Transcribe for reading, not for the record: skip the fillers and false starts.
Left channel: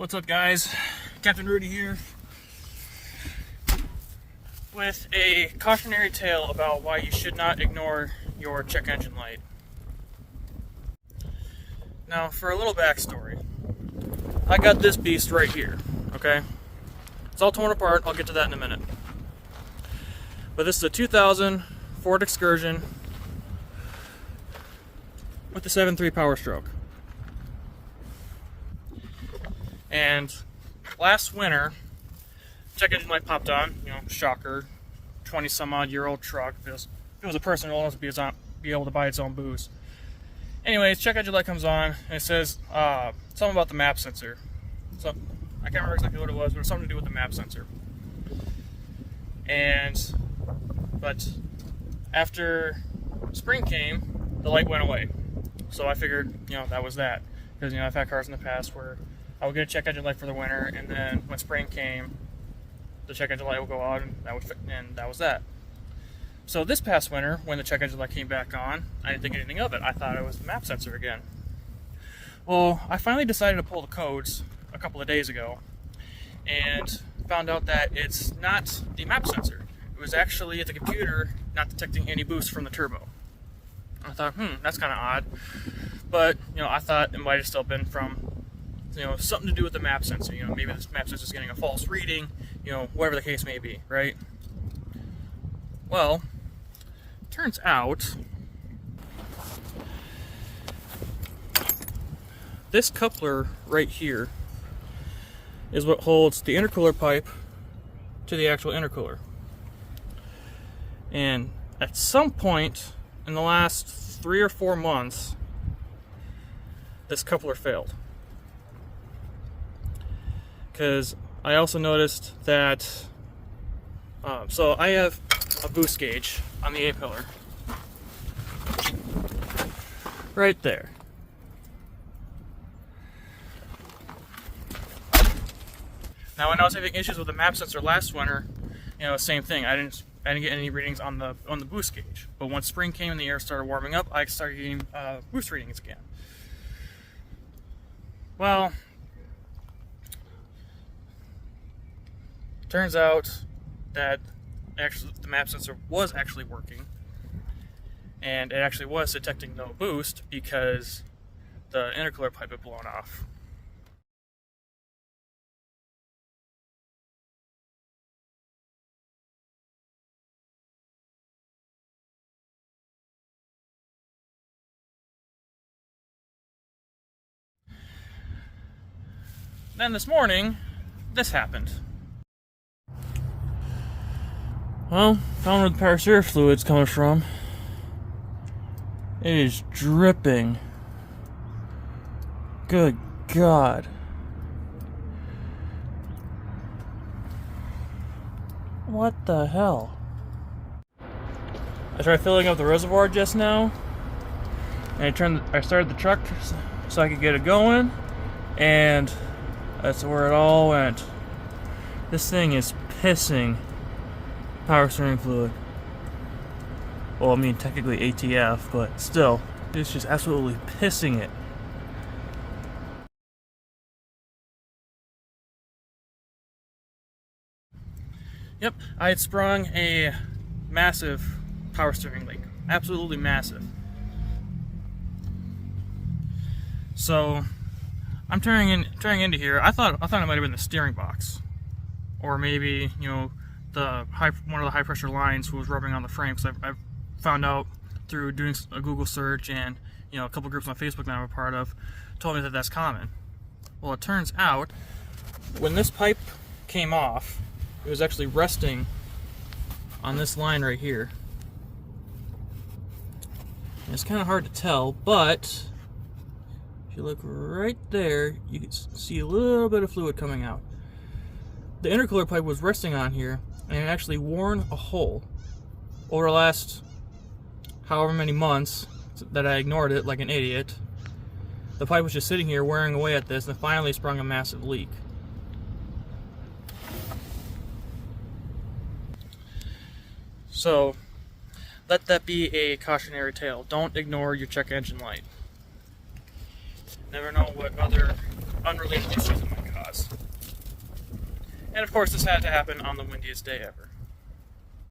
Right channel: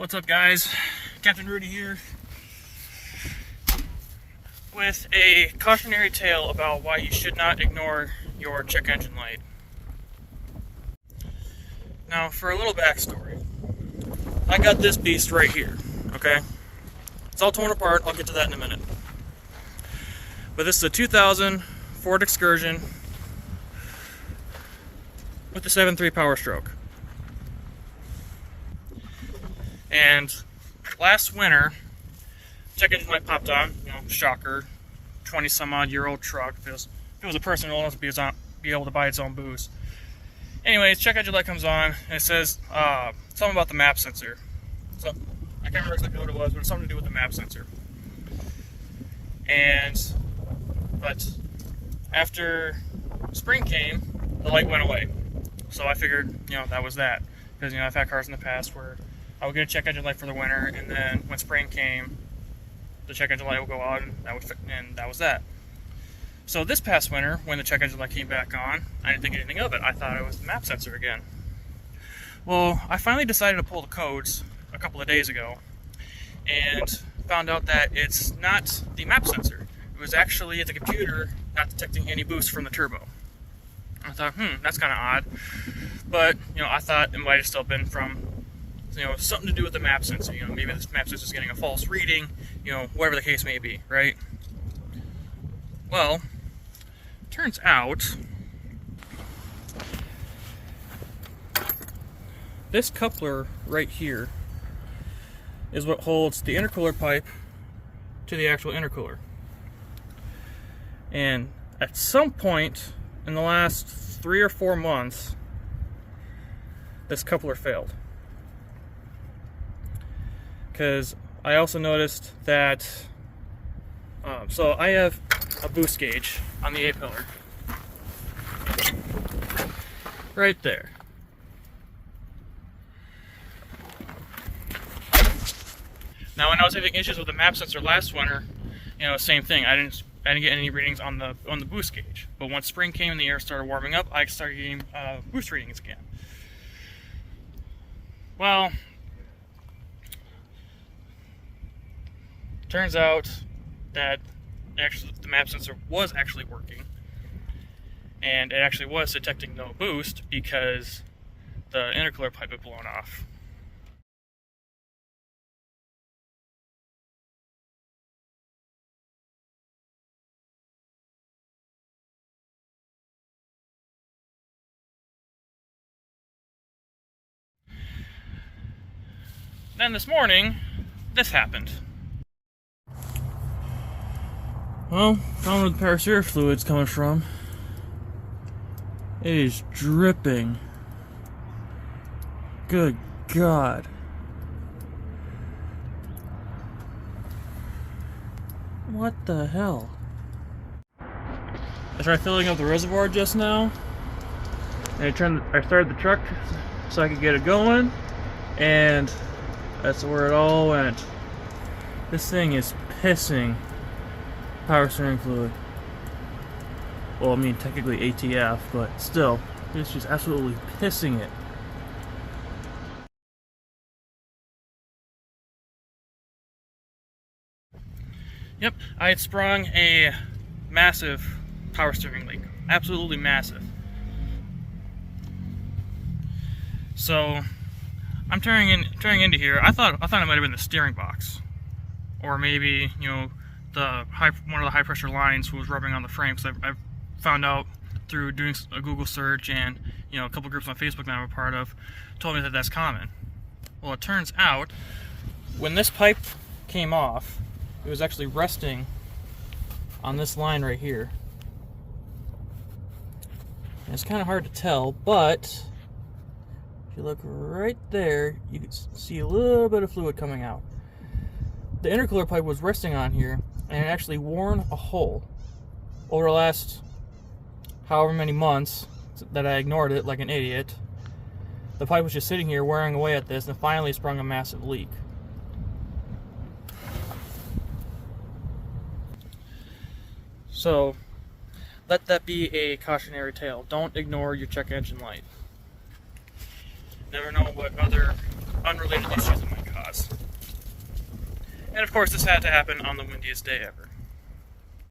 What's up, guys? Captain Rudy here with a cautionary tale about why you should not ignore your check engine light. Now, for a little backstory, I got this beast right here, okay? It's all torn apart, I'll get to that in a minute. But this is a 2000 Ford Excursion with the 7.3 Power Stroke. And last winter, check engine light popped on, shocker, 20 some odd year old truck. If it was a person old enough to be able to buy its own booze. Anyways, check engine light comes on and it says something about the map sensor. So I can't remember exactly what it was, but it was something to do with the map sensor. But after spring came, the light went away. So I figured, that was that. Because, I've had cars in the past where I would get a check engine light for the winter, and then when spring came, the check engine light would go out, and that was that. So this past winter, when the check engine light came back on, I didn't think anything of it. I thought it was the map sensor again. Well, I finally decided to pull the codes a couple of days ago, and found out that it's not the map sensor. It was actually the computer not detecting any boost from the turbo. I thought, that's kind of odd. But, I thought it might have still been from something to do with the map sensor. Maybe this map sensor is getting a false reading, whatever the case may be, right? Well, turns out this coupler right here is what holds the intercooler pipe to the actual intercooler. And at some point in the last 3 or 4 months, this coupler failed. Because I also noticed that, so I have a boost gauge on the A-pillar. Right there. Now when I was having issues with the map sensor last winter, same thing. I didn't get any readings on the boost gauge. But once spring came and the air started warming up, I started getting boost readings again. Well, turns out that actually the map sensor was actually working, and it actually was detecting no boost because the intercooler pipe had blown off. Then this morning, this happened. Well, found where the power steering fluid's coming from. It is dripping. Good God. What the hell? I tried filling up the reservoir just now, and I started the truck so I could get it going, and that's where it all went. This thing is pissing power steering fluid. Well, I mean, technically ATF, but still, it's just absolutely pissing it. Yep, I had sprung a massive power steering leak. Absolutely massive. So I'm turning into here. I thought it might have been the steering box, or maybe one of the high pressure lines was rubbing on the frame. Because I've found out through doing a Google search and a couple groups on Facebook that I'm a part of told me that that's common. Well, it turns out when this pipe came off, it was actually resting on this line right here. And it's kind of hard to tell, but if you look right there, you can see a little bit of fluid coming out. The intercooler pipe was resting on here, and it actually worn a hole. Over the last however many months that I ignored it like an idiot, the pipe was just sitting here wearing away at this, and finally sprung a massive leak. So let that be a cautionary tale. Don't ignore your check engine light. Never know what other unrelated issues it might cause. And of course, this had to happen on the windiest day ever.